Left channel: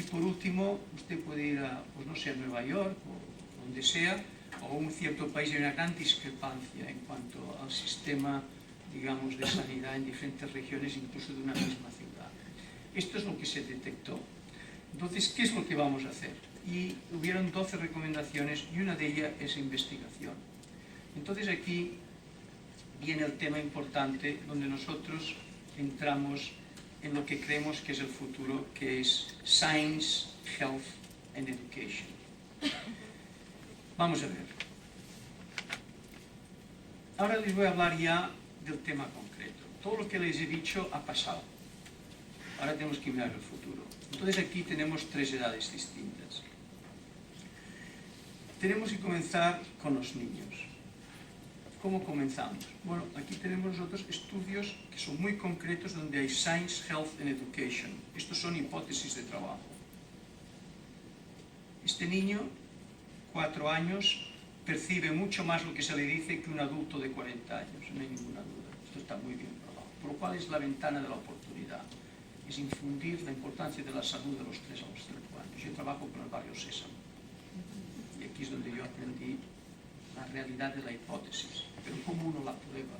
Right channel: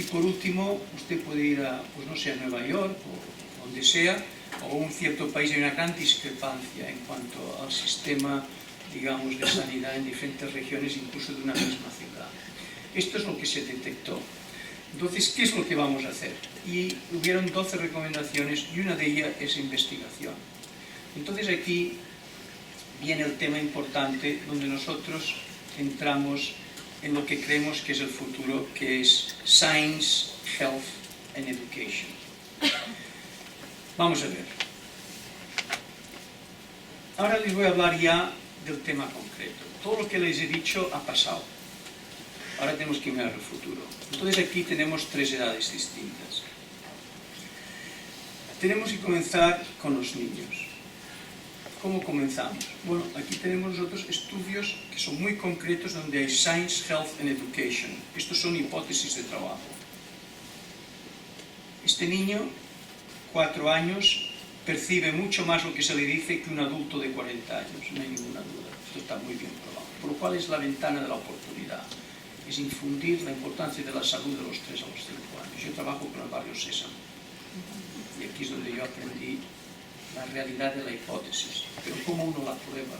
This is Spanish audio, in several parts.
Y por último, usted puede ir a, pues no sé, a Nueva York o donde sea, o un cierto país, hay una gran discrepancia en cuanto al sistema, digamos, de sanidad en diferentes regiones, incluso de una misma ciudad. Esto es lo que se detectó. Entonces, ¿qué es lo que vamos a hacer? Y hubieron 12 recomendaciones y una de ellas es investigación. Entonces aquí viene el tema importante donde nosotros entramos en lo que creemos que es el futuro, que es Science, Health and Education. Vamos a ver. Ahora les voy a hablar ya del tema concreto. Todo lo que les he dicho ha pasado. Ahora tenemos que mirar el futuro. Entonces aquí tenemos 3 edades distintas. Tenemos que comenzar con los niños. ¿Cómo comenzamos? Bueno, aquí tenemos nosotros estudios que son muy concretos donde hay Science, Health and Education. Estos son hipótesis de trabajo. Este niño, 4 años, percibe mucho más lo que se le dice que un adulto de 40 años, no hay ninguna duda. Esto está muy bien probado. Por lo cual es la ventana de la oportunidad. Es infundir la importancia de la salud de los 3 a los 5 años. Yo trabajo con el barrio Sésamo. Y aquí es donde yo aprendí la realidad de la hipótesis. Pero ¿cómo uno la prueba?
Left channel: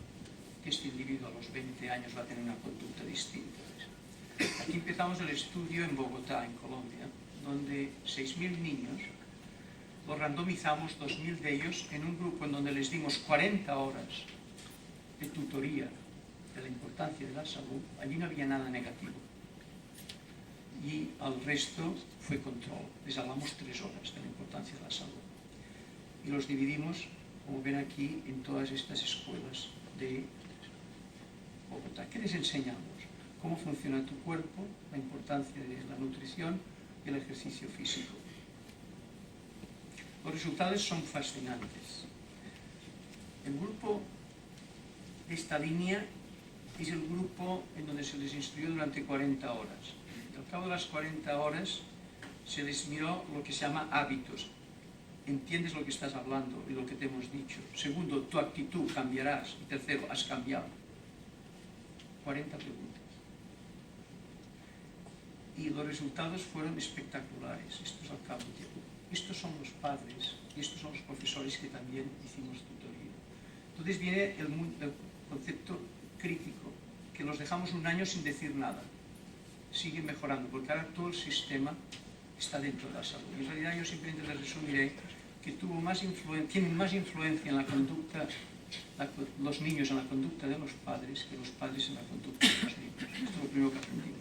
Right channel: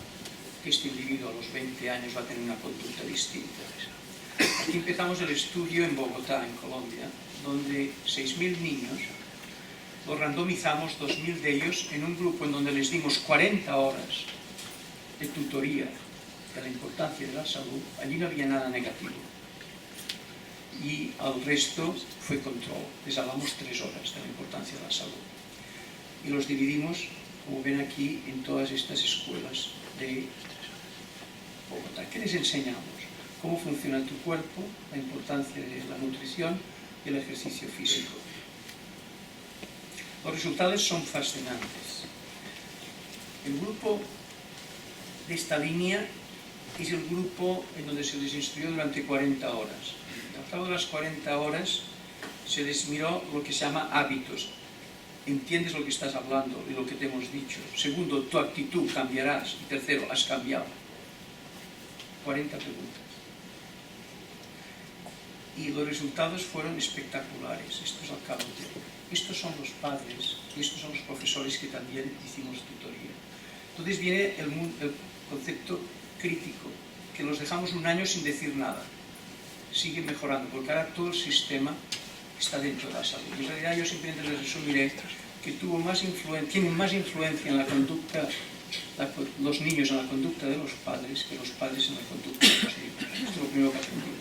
Que este individuo a los 20 años va a tener una conducta distinta. Aquí empezamos el estudio en Bogotá, en Colombia, donde 6.000 niños los randomizamos, 2.000 de ellos, en un grupo en donde les dimos 40 horas de tutoría de la importancia de la salud. Allí no había nada negativo. Y al resto fue control. Les hablamos 3 horas de la importancia de la salud. Y los dividimos, como ven aquí, en todas estas escuelas de Bogotá. ¿Qué les enseñamos? Cómo funciona tu cuerpo, la importancia de la nutrición y el ejercicio físico. Los resultados son fascinantes. El grupo de esta línea es el grupo en donde se les instruyó durante 40 horas. Al cabo de las 40 horas se les miró lo que se llama hábitos. ¿Entiendes lo que estás hablando y lo que te hemos dicho? Segundo, tu actitud, cambiarás. Y tercero, has cambiado. 40 preguntas. Y los resultados fueron espectaculares. Esto es al cabo de... Estos son los padres y estos son los profesores que también hicimos tutoría. Entonces viene el concepto crítico, que los dejamos un año sin decir nada. Sigue mejorando, porque ahora todo el sistema está dentro de la salud. Y en realidad yo simplemente les resumiré que tienen más influencia en la conducta, los niños en la conducta de los padres que los padres en la conducta de los niños. Esto es lo primero que aprendimos.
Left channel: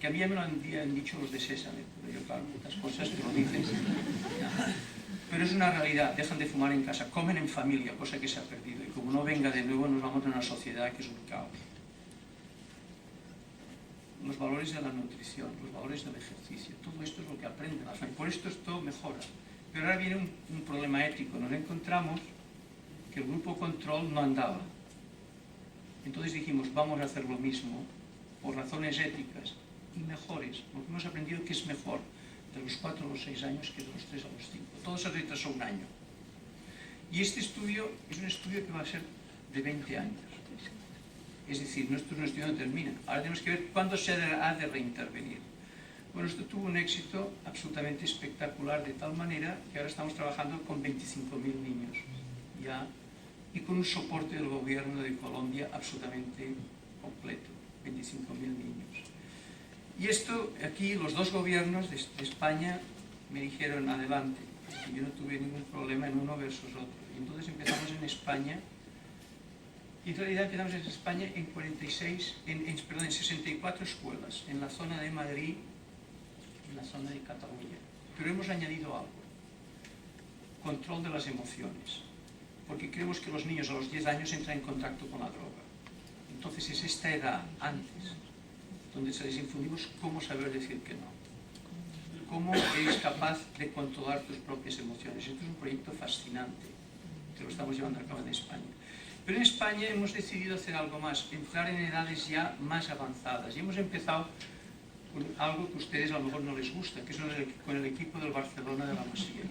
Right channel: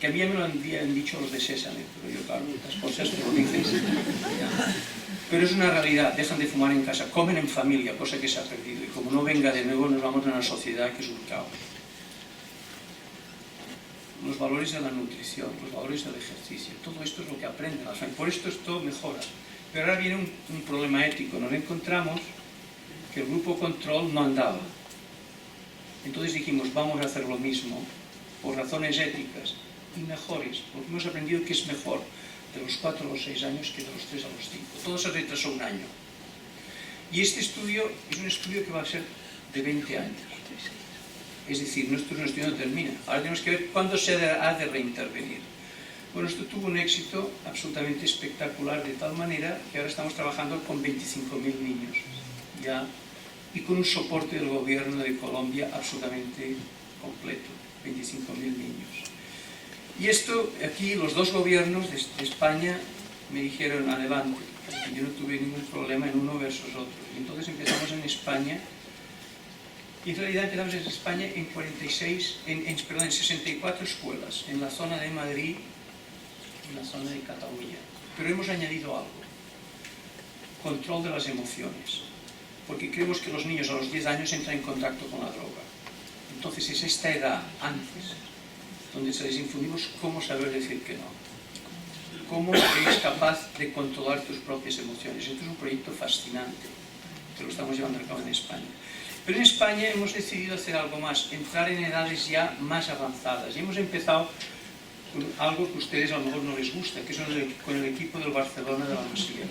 Que a mí ya me lo han dicho los de Sésame, pero yo claro, las cosas te lo dicen. Pero es una realidad, dejan de fumar en casa, comen en familia, cosa que se ha perdido. Y como no venga de nuevo, nos vamos a una sociedad que es un caos. Los valores de la nutrición, los valores del ejercicio, todo esto es lo que aprenden las familias. Por esto esto mejora. Pero ahora viene un problema ético. Nos encontramos que el grupo control no andaba. Entonces dijimos, vamos a hacer lo mismo por razones éticas y mejores, porque hemos aprendido que es mejor de los 4 a los 6 años que de los 3 a los 5. Todo se retrasó un año. Y este estudio es un estudio que va a ser de 20 años. Es decir, nuestro estudio no termina. Ahora tenemos que ver cuándo se ha de reintervenir. Bueno, esto tuvo un éxito absolutamente espectacular, de tal manera que ahora estamos trabajando con 25.000 niños ya, y con un soporte del gobierno de Colombia absolutamente completo, 25.000 niños. Y esto, aquí los 2 gobiernos de España me dijeron adelante, y yo no tuve ningún problema en uno versus otro. Y entonces empezamos en España. Y en realidad empezamos en España en 64 escuelas, en la zona de Madrid y en la zona de Cataluña. Pero hemos añadido algo, control de las emociones, porque creemos que los niños a los 10 años entran en contacto con la droga. Entonces es esta edad, antes, donde se les infundimos cómo saber decir que no, cómo eres capaz de controlar tus propias emociones. Esto es un proyecto fascinante, que lo estamos llevando a cabo en España. Pero en España hemos decidido hacer algo más, entrar en edades ya más avanzadas. Y hemos empezado con algo que a ustedes a lo mejor no les gusta, que es con el equipo del Barcelona de la Masía.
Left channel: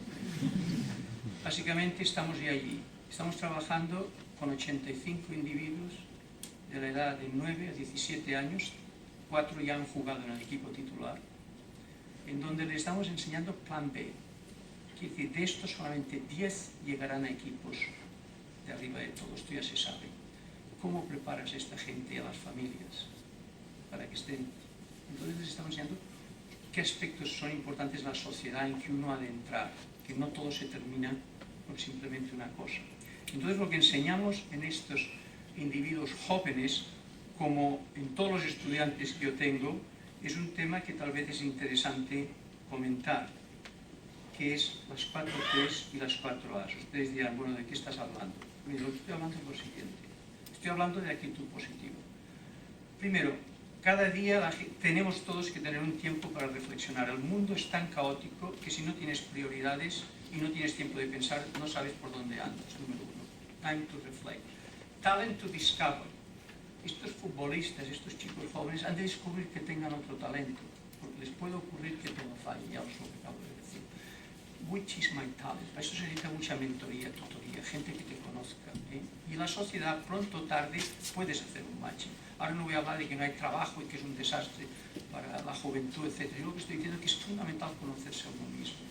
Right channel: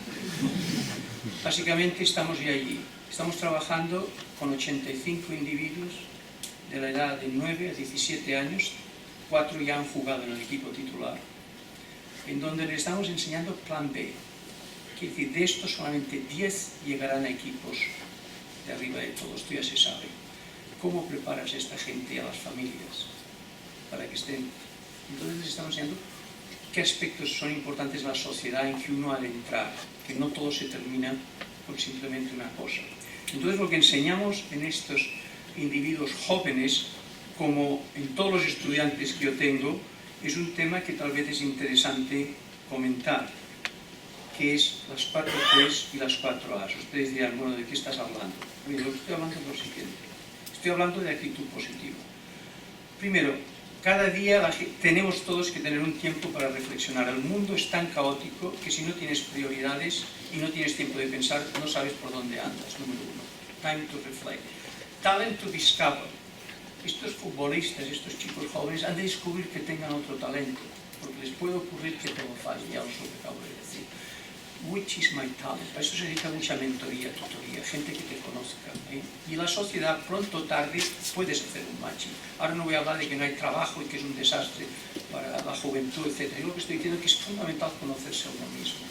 Básicamente estamos ya allí. Estamos trabajando con 85 individuos de la edad de 9 a 17 años. 4 ya han jugado en el equipo titular. en donde les estamos enseñando plan B. Quiere decir, de estos solamente 10 llegarán a equipos de arriba de todo, esto ya se sabe. ¿Cómo preparas a esta gente y a las familias para que estén? Entonces les estamos enseñando qué aspectos son importantes en la sociedad en que uno ha de entrar, que no todo se termina con simplemente una cosa. Entonces lo que enseñamos en estos individuos jóvenes, como en todos los estudiantes que yo tengo, es un tema que tal vez es interesante comentar, que es las 4 P's y las 4 A's. Ustedes dirán, bueno, ¿de qué estás hablando? Mira, lo que estoy hablando es lo siguiente. Estoy hablando de actitud positiva. Primero, cada día tenemos todos que tener un tiempo para reflexionar. El mundo es tan caótico que si no tienes prioridades y no tienes tiempo de pensar, no sabes por dónde andas. Número 1. Time to reflect. Talent to discover. Estos futbolistas, estos chicos jóvenes han de descubrir que tengan otro talento, porque les puede ocurrir que todo falle, ya os lo que acabo de decir. Which is my talent? Para eso se necesita mucha mentoría, tutoría, gente que te conozca. Y la sociedad, pronto o tarde, puedes hacer un matching. Ahora no voy a hablar de que no hay trabajo y que es un desastre para la juventud, etc. Yo lo que estoy diciendo es que es fundamental conocerse a uno mismo.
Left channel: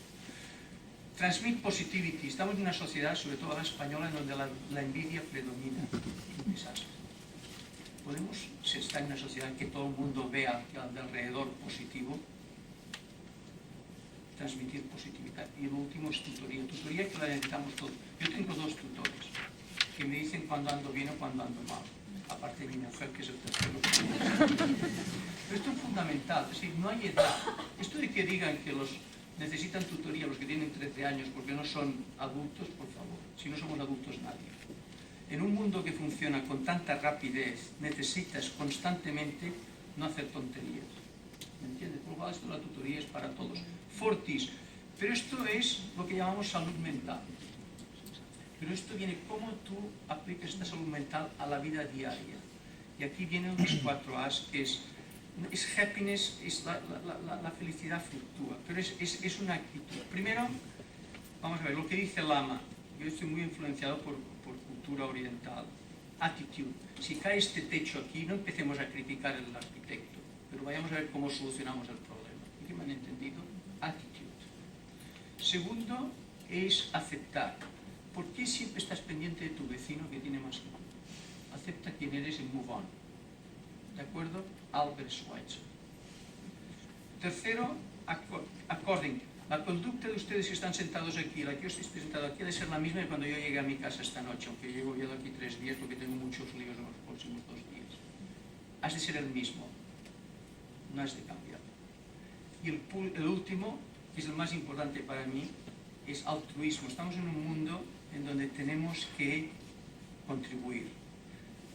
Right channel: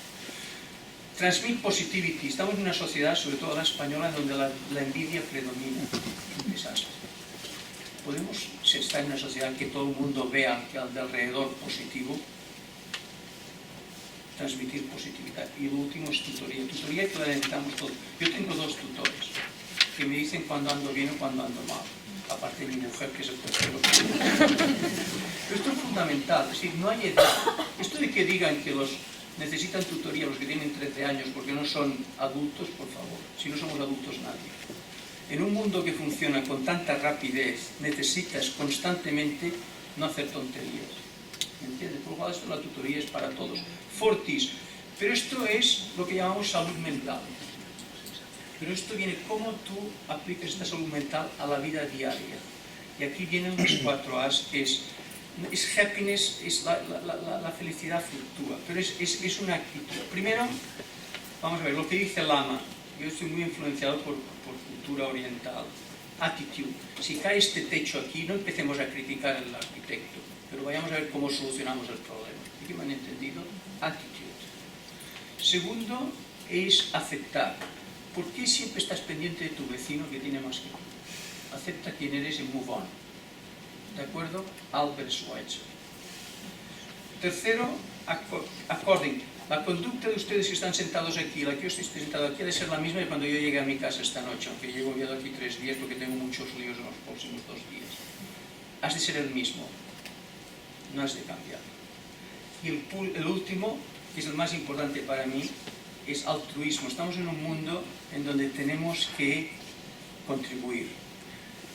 Transmit positivity. Estamos en una sociedad, sobre todo la española, donde la envidia predomina. Es un desastre. Podemos estar en una sociedad en que todo el mundo vea al de alrededor positivo, transmitir positividad. Y lo último es tutoría. Tutoría que la necesitamos todos. Yo tengo 2 tutores que me dicen cuando ando bien o cuando ando mal. Aparte de mi mujer, que es el tercero. Pero esto es fundamental. Es decir, no hay edad. Esto de que digan que los necesitan tutoría los que tienen 13 años porque no son adultos, por favor. Si no somos adultos, nadie. En un mundo que funciona con tanta rapidez, necesitas constantemente no hacer tonterías. ¿Me entiendes? Por lo cual, esto la tutoría es para todos. Fortis. Pero esto es lo que llamamos salud mental. Pero esto viene cómo tú aplicas esta salud mental a la vida diaria. Y aquí vienen las 4 A's, que es happiness, es la felicidad fluctúa. Pero es una actitud. Primero, vamos a ver, lo que dice Lama. Yo estoy muy influenciado por cultura oriental. Attitude. Si cae este techo aquí, no empecemos a criticar al arquitecto, pero vayamos a ver cómo solucionamos el problema. ¿Y qué me han entendido? Attitude. Segundo, es aceptar. ¿Por qué siempre estás pendiente de tu vecino que tiene más que tú? Acepta quién eres y move on. ¿De acuerdo? Albert Schweitzer. Tercero, according. La conducta de ustedes que están sentados aquí, la que yo estoy sentado aquí, ha de ser la misma que cuando yo llegué a mi casa esta noche, aunque llego ya de aquí 3 días porque tengo muchos líos en los próximos 2 días. Has de ser el mismo, no has de cambiar. Y el último, que es el más importante para mí, es altruismo. Estamos en un mundo en donde tenemos que contribuir,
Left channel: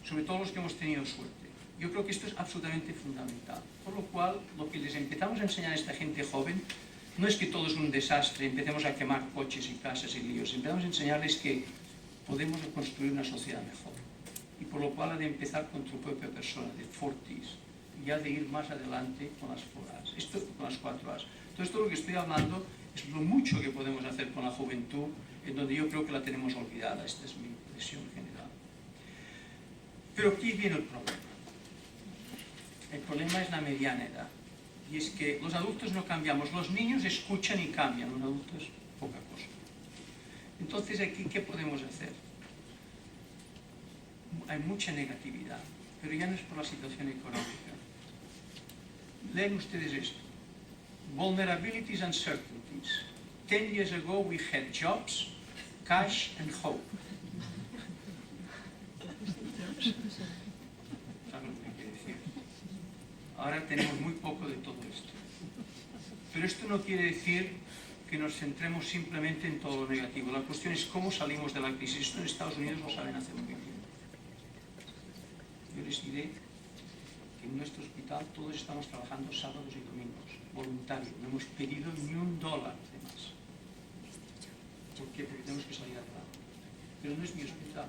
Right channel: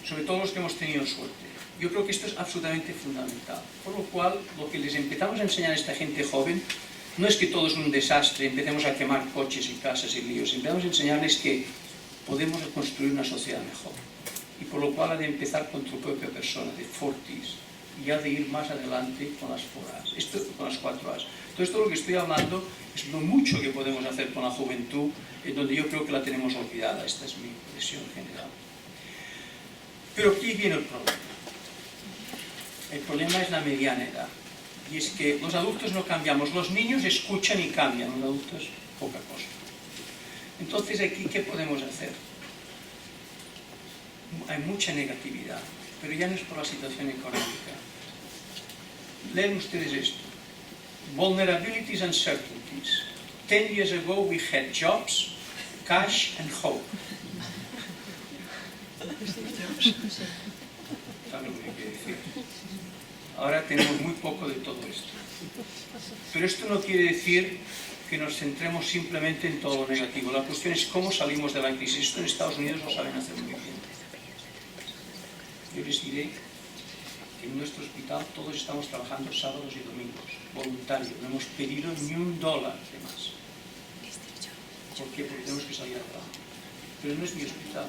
sobre todo los que hemos tenido suerte. Yo creo que esto es absolutamente fundamental. Por lo cual, lo que les empezamos a enseñar a esta gente joven no es que todo es un desastre, empecemos a quemar coches y casas y líos. Empezamos a enseñarles que podemos construir una sociedad mejor. Y por lo cual ha de empezar con tu propia persona, de Fortis, y ha de ir más adelante con las 4 A's. Esto con las 4 A's. Todo esto lo que estoy hablando es lo mucho que podemos hacer con la juventud, en donde yo creo que la tenemos olvidada. Esta es mi impresión general. Pero aquí viene el problema. El problema es la mediana edad. Y es que los adultos no cambiamos. Los niños escuchan y cambian. Los adultos, poca cosa. Entonces, aquí, ¿qué podemos hacer? Hay mucha negatividad, pero ya no es por la situación económica. Leen ustedes esto. Vulnerabilities and uncertainties. 10 years ago we had jobs, cash and hope. ¿Saben lo que quiere decir? Ahora tenemos muy poco de todo esto. Pero esto no quiere decir que nos centremos simplemente en todo lo negativo. La cuestión es cómo salimos de la crisis. Esto en Estados Unidos lo saben hacer muy bien. Yo les diré que en nuestro hospital todos estamos trabajando sábados y domingos, voluntarios. No hemos pedido ni $1 de más. ¿Por qué? Porque tenemos que salir adelante. Pero no es mi hospital,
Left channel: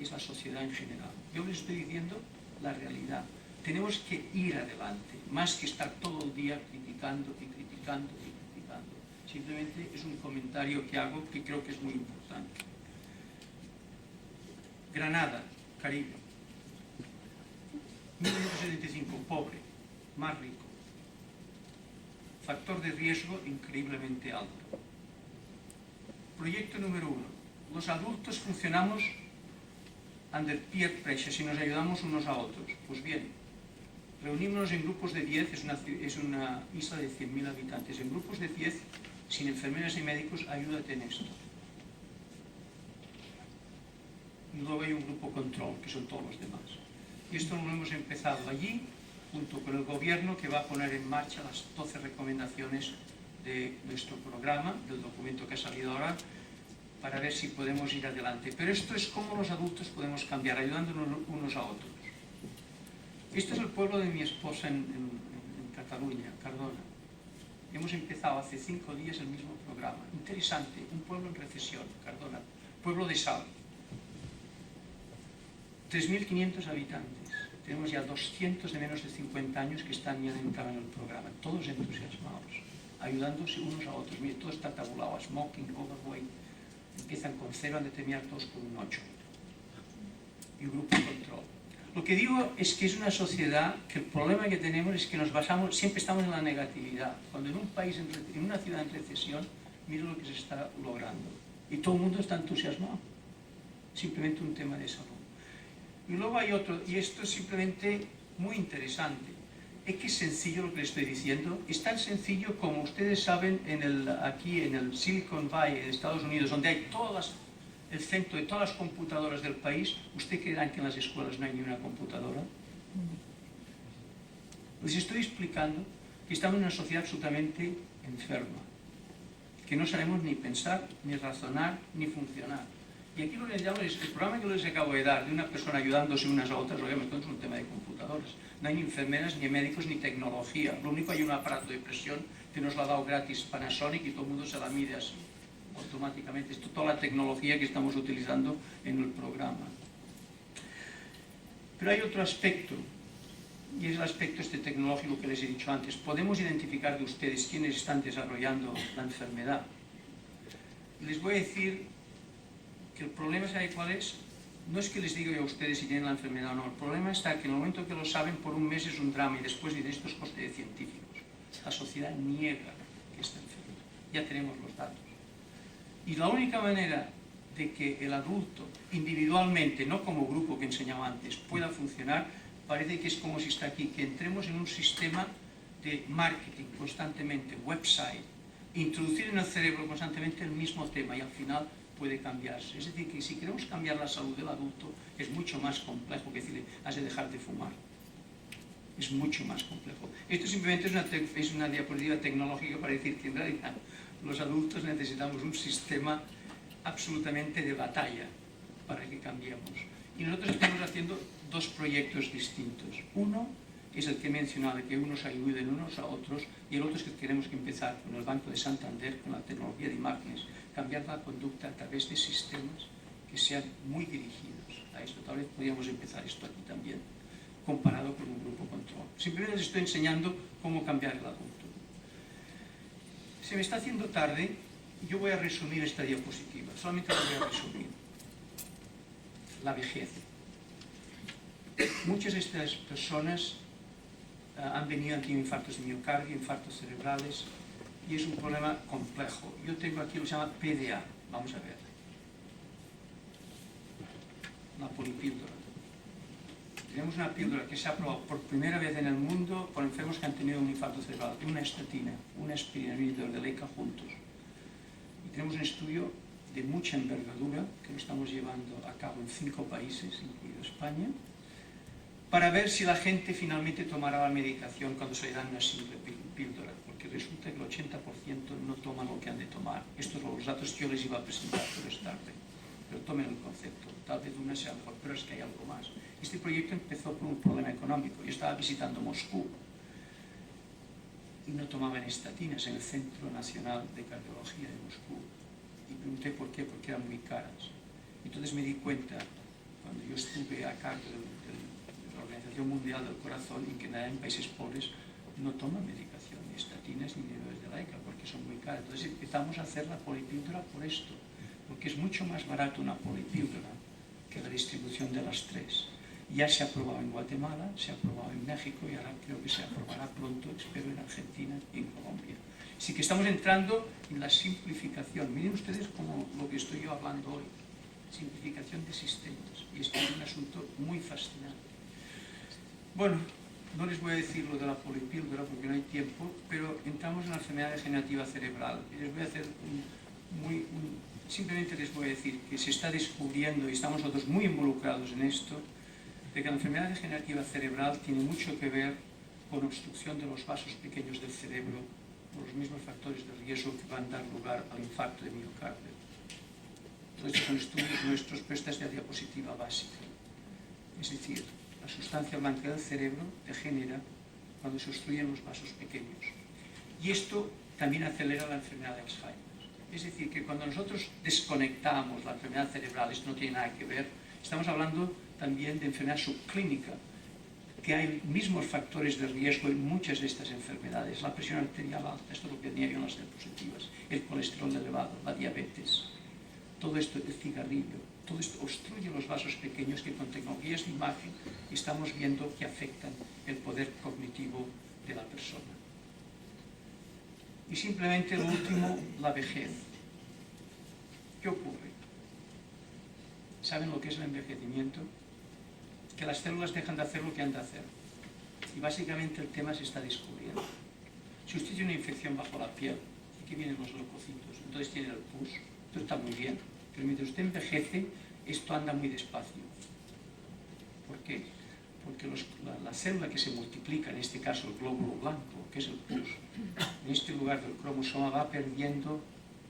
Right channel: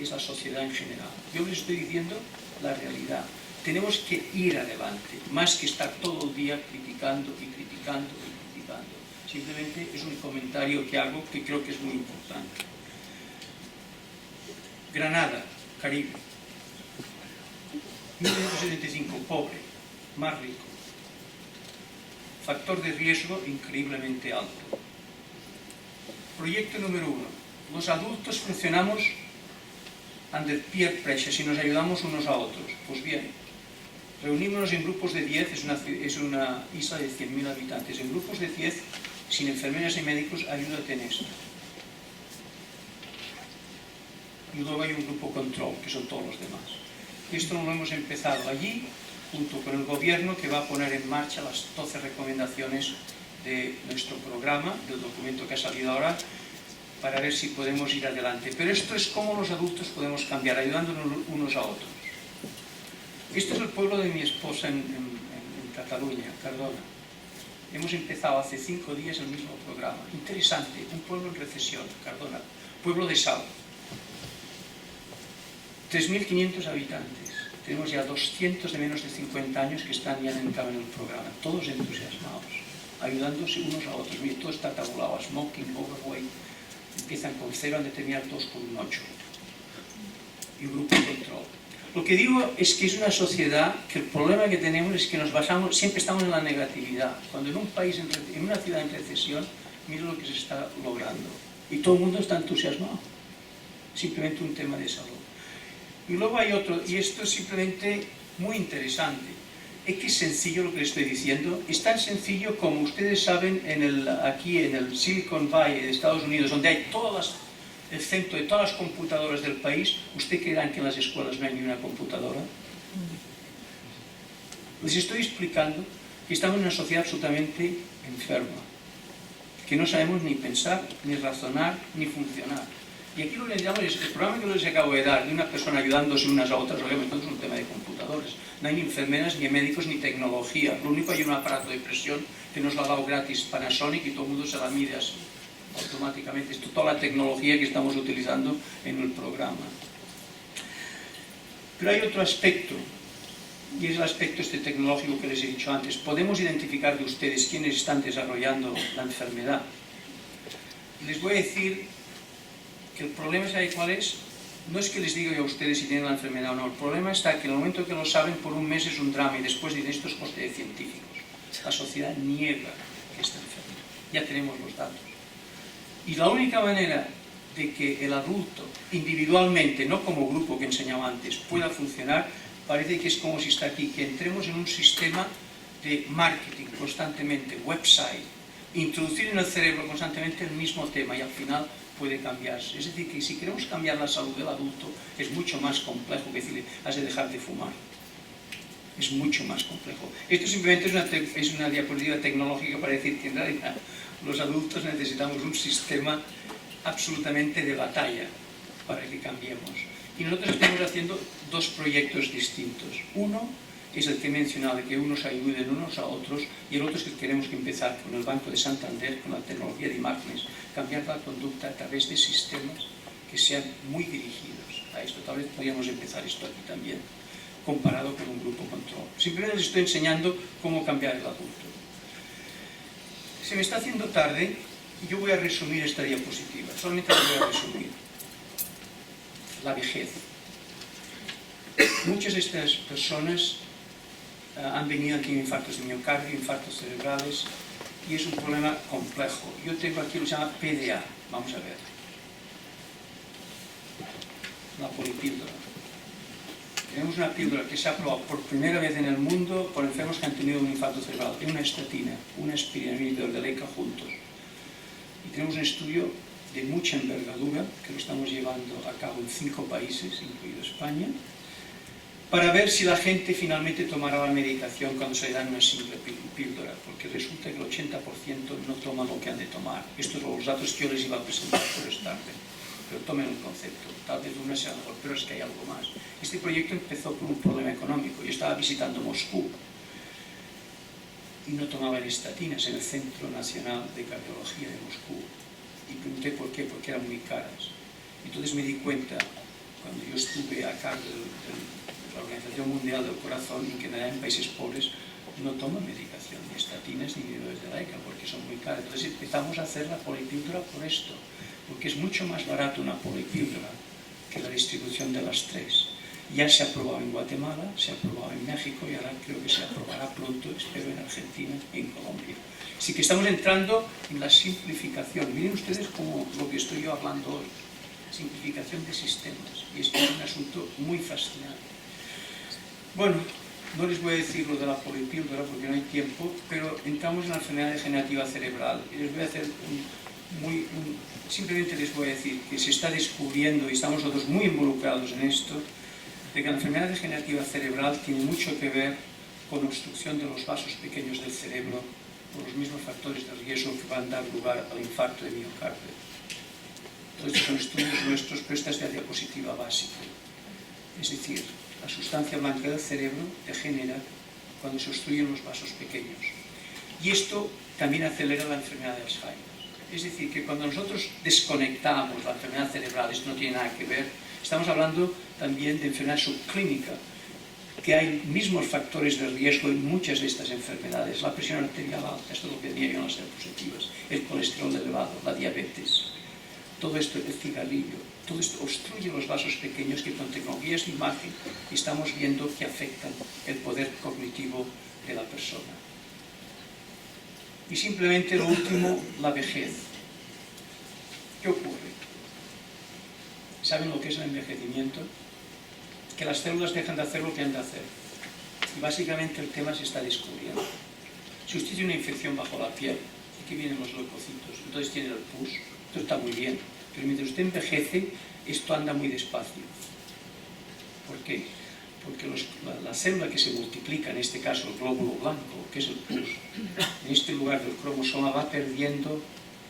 es la sociedad en general. Yo les estoy diciendo la realidad. Tenemos que ir adelante, más que estar todo el día criticando y criticando y criticando. Simplemente es un comentario que hago que creo que es muy importante. Granada, Caribe. 1975, pobre, más rico. factor de riesgo increíblemente alto. Proyecto número 1. Los adultos funcionamos under peer pressure, si nos ayudamos unos a otros. Pues bien, reunimos en grupos de 10, es una isla de 100.000 habitantes, en grupos de 10, sin enfermeras y médicos, ayúdate en esto. Y luego hay un grupo control, que son todos los demás. Y esto lo hemos empezado allí, junto con el gobierno, que va a poner en marcha las 12 recomendaciones de nuestro programa, del documento que ha salido ahora, para ver si podemos ir adelante. Pero esto es cómo los adultos podemos cambiar, ayudándonos unos a otros. Esto es el pueblo de mi esposa en Cataluña, Cardona. Hemos empezado hace 5 días el mismo programa. Interesante, un pueblo en recesión, Cardona, pueblo de sal. 3.500 habitantes. Tenemos ya 200 de menos de 50 años que están ya entrando en el programa, todos entusiasmados, ayudándose unos a otros. Mira, todo está tabulado, smoking, overweight, empiezan con 0, han de terminar todos con un 8. Y un grupo de control. Lo que digo es que es una sociedad que el problema que tenemos es que nos basamos, siempre estamos en la negatividad. Cuando en un país, en una ciudad en recesión, mira lo que se está logrando. Y todo el mundo está entusiasmado. Simplemente un tema de salud. Y luego hay otro, y esto es simplemente muy interesante. Es que es sencillo lo que les estoy diciendo. Es tan sencillo como ustedes saben aquí en el Silicon Valley de Estados Unidos, donde hay el centro de todas las computadoras del país. ¿Usted creerá que en las escuelas no hay ni una computadora? Les estoy explicando que estamos en una sociedad absolutamente enferma, que no sabemos ni pensar, ni razonar, ni funcionar. Y aquí lo que necesitamos es el programa que les acabo de dar, de una persona ayudándose unas a otras, obviamente no es un tema de computadores. No hay ni enfermeras, ni médicos, ni tecnología. Lo único, hay un aparato de presión que nos lo ha dado gratis Panasonic y todo el mundo se la mide así, automáticamente. Esto es toda la tecnología que estamos utilizando en el programa. Pero hay otro aspecto, y es el aspecto tecnológico que les he dicho antes. Podemos identificar de ustedes quiénes están desarrollando la enfermedad. Les voy a decir que el problema, ¿sabe cuál es? No es que les diga yo a ustedes si tienen la enfermedad o no. El problema está que en el momento que lo saben, por un mes es un drama y después dicen esto es coste de científicos. La sociedad niega que está enferma. Ya tenemos los datos. Y la única manera de que el adulto, individualmente, no como grupo que enseñaba antes, pueda funcionar, parece que es como si está aquí, que entremos en un sistema de marketing constantemente, website, introducir en el cerebro constantemente el mismo tema y al final puede cambiarse. Es decir, que si queremos cambiar la salud del adulto es mucho más complejo que decirle, has de dejar de fumar. Es mucho más complejo. Esto simplemente es una diapositiva tecnológica para decir que en realidad los adultos necesitamos un sistema absolutamente de batalla para que cambiemos. Y nosotros estamos haciendo 2 proyectos distintos. Uno es el que he mencionado, de que unos ayuden unos a otros, y el otro es que queremos que empezar con el Banco de Santander, con la tecnología de imágenes, cambiar la conducta a través de sistemas que sean muy dirigidos a esto. Tal vez podríamos empezar esto aquí también, comparado con un grupo control. Simplemente les estoy enseñando cómo cambiar el adulto. Se me está haciendo tarde y yo voy a resumir esta diapositiva. Solamente la voy a resumir. La vejez. Muchas de estas personas han venido aquí infartos de miocardio, infartos cerebrales, y es un problema complejo. Yo tengo aquí lo que se llama PDA. Vamos a ver. La polipíldora. Tenemos una píldora que se ha aprobado por primera vez en el mundo por enfermos que han tenido un infarto cerebral. Una estatina, una aspirina y un inhibidor de LECA juntos. Y tenemos un estudio de mucha envergadura que lo estamos llevando a cabo en 5 países, incluido España, para ver si la gente finalmente tomará la medicación cuando se le dan una simple píldora, porque resulta que el 80% no toma lo que han de tomar. Estos son los datos que yo les iba a presentar por esta tarde, pero tomen el concepto. Tal vez una sea mejor, pero es que hay algo más. Este proyecto empezó por un problema económico. Yo estaba visitando Moscú y no tomaban estatinas en el Centro Nacional de Cardiología de Moscú. Y pregunté por qué, porque eran muy caras. Entonces me di cuenta, cuando yo estuve a cargo de la Organización Mundial del Corazón, en que en países pobres no toman medicación, ni estatinas ni inhibidores de LECA, porque son muy caras. Entonces empezamos a hacer la polipíldora por esto, porque es mucho más barato una polipíldora que la distribución de las 3. Ya se ha aprobado en Guatemala, se ha aprobado en México y ahora creo que se aprobará pronto, espero, en Argentina y en Colombia. Así que estamos entrando en la simplificación. Miren ustedes como lo que estoy yo hablando hoy, simplificación de sistemas. Y esto es un asunto muy fascinante. Bueno, no les voy a decir lo de la polipíldora porque no hay tiempo, pero entramos en la enfermedad degenerativa cerebral. Y les voy a hacer simplemente les voy a decir que se está descubriendo, y estamos nosotros muy involucrados en esto, de que la enfermedad degenerativa cerebral tiene mucho que ver con obstrucción de los vasos pequeños del cerebro, por los mismos factores de riesgo que van a dar lugar al infarto de miocardio. Todo esto son estudios nuestros, pero esta es la diapositiva básica. Es decir, la sustancia blanca del cerebro degenera cuando se obstruyen los vasos pequeños. Y esto también acelera la enfermedad de Alzheimer. Es decir, que cuando nosotros desconectamos la enfermedad cerebral, esto no tiene nada que ver, estamos hablando también de enfermedad subclínica, que hay mismos factores de riesgo en muchas de estas enfermedades. La presión arterial alta, esto es lo que tenía yo en las diapositivas, el colesterol elevado, la diabetes, todo esto, el cigarrillo, todo esto obstruye los vasos pequeños que con tecnologías de imagen estamos viendo que afectan el poder cognitivo de la persona. Y simplemente lo último, la vejez. ¿Qué ocurre? ¿Saben lo que es el envejecimiento? Que las células dejan de hacer lo que han de hacer. Y básicamente el tema se está descubriendo. Si usted tiene una infección bajo la piel, aquí vienen los leucocitos, entonces tiene el pus, esto está muy bien. Pero mientras usted envejece, esto anda muy despacio. ¿Por qué? Porque la célula que se multiplica, en este caso el glóbulo blanco, que es el pus, en este lugar del cromosoma va perdiendo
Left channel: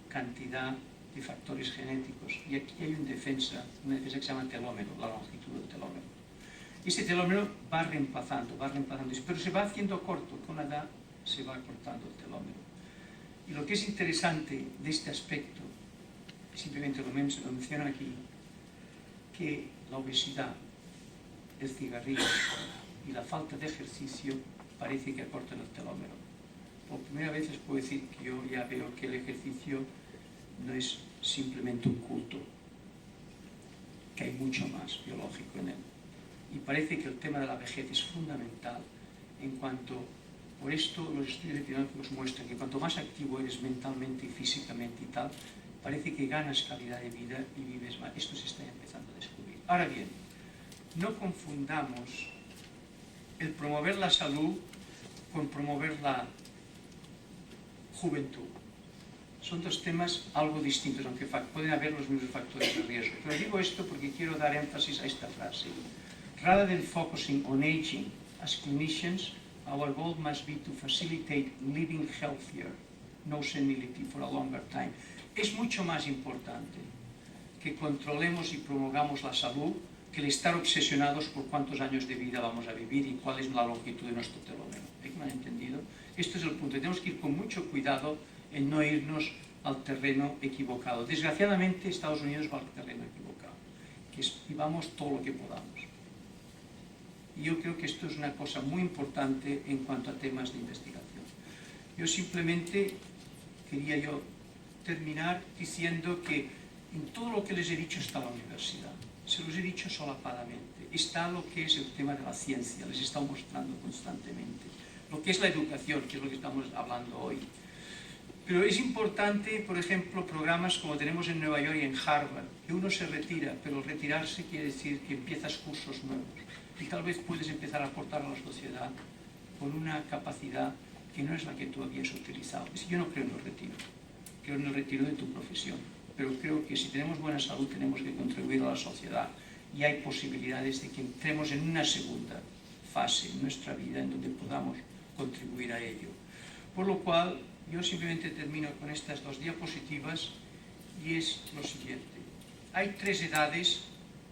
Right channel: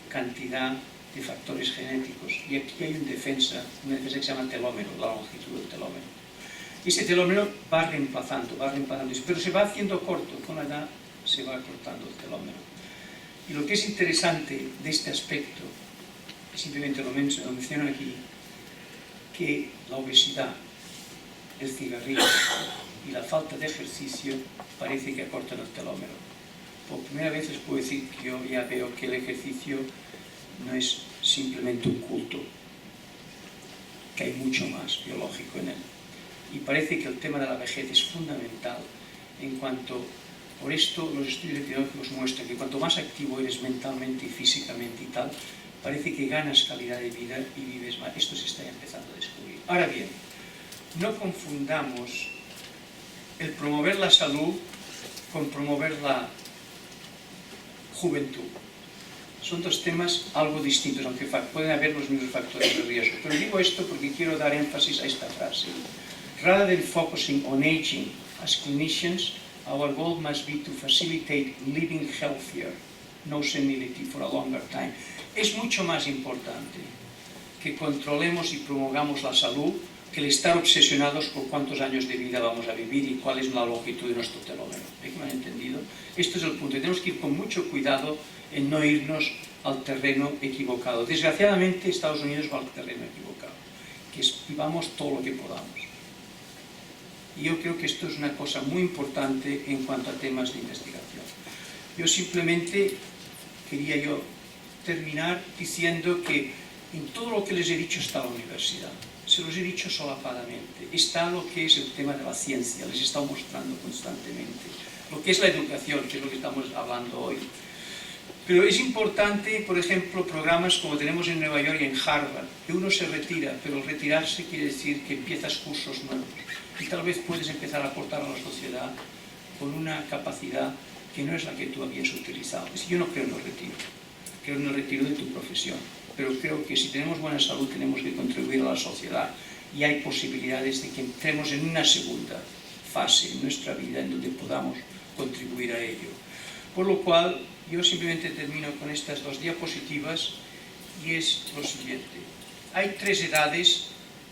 cantidad de factores genéticos. Y aquí hay una defensa que se llama telómero, la longitud del telómero. Y ese telómero va reemplazando, pero se va haciendo corto, con la edad se va cortando el telómero. Y lo que es interesante de este aspecto, simplemente lo menciono aquí, que la obesidad, el cigarrillo y la falta de ejercicio parece que acortan el telómero. Por primera vez les puedo decir que yo ya veo que el ejercicio no es simplemente un culto, que hay mucho más biológico en él. Y parece que el tema de la vejez es fundamental en cuanto, por esto los estudios epidemiológicos muestran que cuanto más activo eres mentalmente y físicamente y tal, parece que ganas calidad de vida y vives más. Esto se está empezando a descubrir. Ahora bien, no confundamos el promover la salud con promover la juventud. Son dos temas algo distintos, aunque pueden haber los mismos factores de riesgo. Pero digo esto porque quiero dar énfasis a esta frase. Rather than focusing on aging, as clinicians, our goal must be to facilitate living healthier, no senility for a longer time. Es mucho más importante que controlemos y promovamos la salud que el estar obsesionados por cuántos años de vida vamos a vivir y cuál es la longitud de nuestro telómero. ¿Es que me han entendido? Este es el punto. Tenemos que ir con mucho cuidado en no irnos al terreno equivocado. Desgraciadamente, Estados Unidos va al terreno equivocado, que es vivamos todo lo que podamos. Y yo creo que esto es una cosa muy importante en cuanto a temas de investigación. Yo simplemente quería terminar diciendo que en todo lo que les he dicho está la universidad. Se los he dicho solapadamente. Está lo que es el tema de la ciencia, les he estado mostrando constantemente. Lo que es la educación, que es lo que estamos hablando hoy. Pero es importante, por ejemplo, programas como tenemos en Nueva York y en Harvard, que uno se retira, pero retirarse quiere decir que empiezas cursos nuevos. Y tal vez puedes empezar a aportar a la sociedad con una capacidad que no es la que tú habías utilizado. Yo no creo en el retiro, creo en el retiro de tu profesión. Pero creo que si tenemos buena salud tenemos que contribuir a la sociedad y hay posibilidades de que entremos en una segunda fase en nuestra vida en donde podamos contribuir a ello. Por lo cual, yo simplemente termino con estas dos diapositivas y es lo siguiente. Hay 3 edades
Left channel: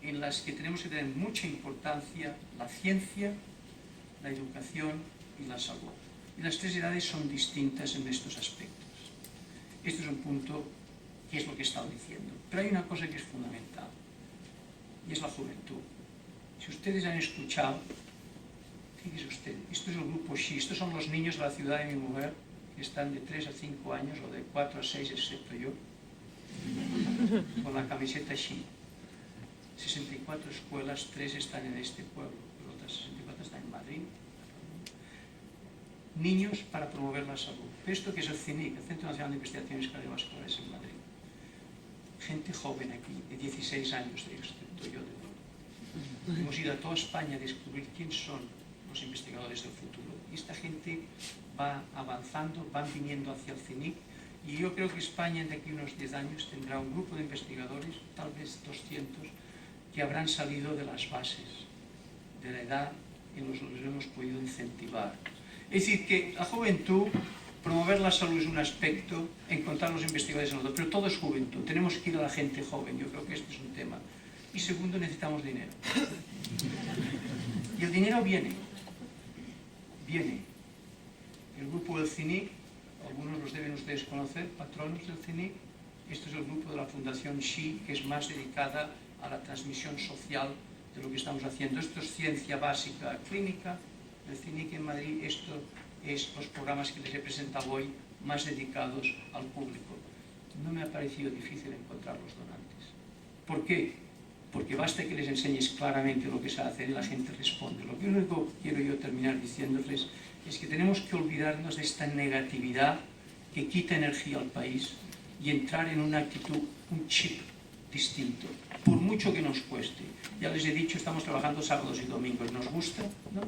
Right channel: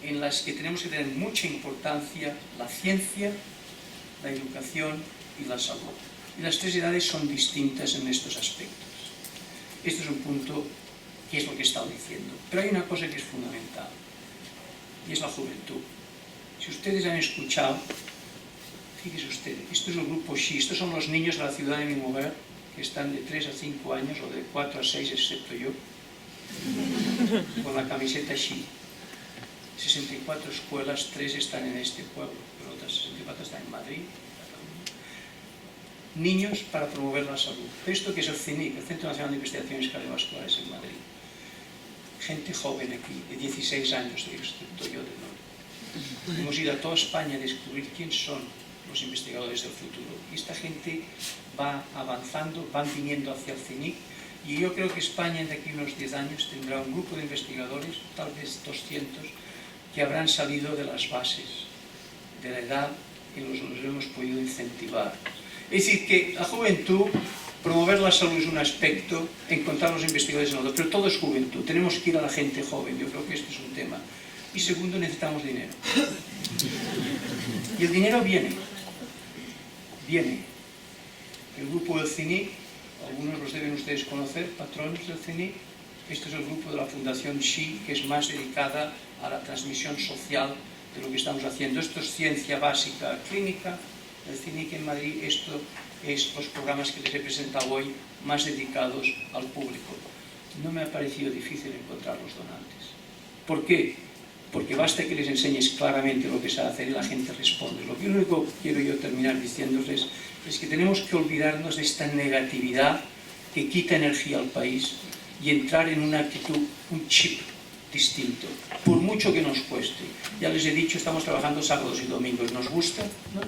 en las que tenemos que tener mucha importancia: la ciencia, la educación y la salud. Y las 3 edades son distintas en estos aspectos. Este es un punto que es lo que he estado diciendo. Pero hay una cosa que es fundamental, y es la juventud. Si ustedes han escuchado, fíjense ustedes, esto es el grupo Xi, estos son los niños de la ciudad de mi mujer, que están de 3 a 5 años, o de 4 a 6, excepto yo, con la camiseta Xi. 64 escuelas, 3 están en este pueblo, pero otras 64 están en Madrid. niños para promover la salud. Esto que es el CINIC, el Centro Nacional de Investigaciones Cardiovasculares en Madrid. Gente joven aquí, de 16 años, excepto yo de no. Hemos ido a toda España a descubrir quién son los investigadores del futuro. Y esta gente va avanzando, van viniendo hacia el CINIC, y yo creo que España de aquí a unos 10 años tendrá un grupo de investigadores, tal vez 200, que habrán salido de las bases de la edad y los hemos podido incentivar. Es decir, que la juventud, promover la salud es un aspecto, encontrar los investigadores en otro, pero todo es juventud, tenemos que ir a la gente joven, yo creo que este es un tema. Y segundo, necesitamos dinero. Y el dinero viene. El grupo del CINIC, algunos los deben ustedes conocer, patrones del CINIC. Este es el grupo de la Fundación Xi, que es más dedicada a la transmisión social de lo que estamos haciendo. Esto es ciencia básica clínica. El CINIC en Madrid, esto es los programas que les he presentado hoy, más dedicados al público. No me ha parecido difícil encontrar los donantes. ¿Por qué? Porque basta que les enseñes claramente lo que se hace y la gente responde. Lo único que quiero yo terminar diciéndoles es que tenemos que olvidarnos de esta negatividad que quita energía al país y entrar en una actitud, un chip distinto, por mucho que nos cueste. Ya les he dicho, estamos trabajando sábados y domingos. ¿Nos gusta? ¿No?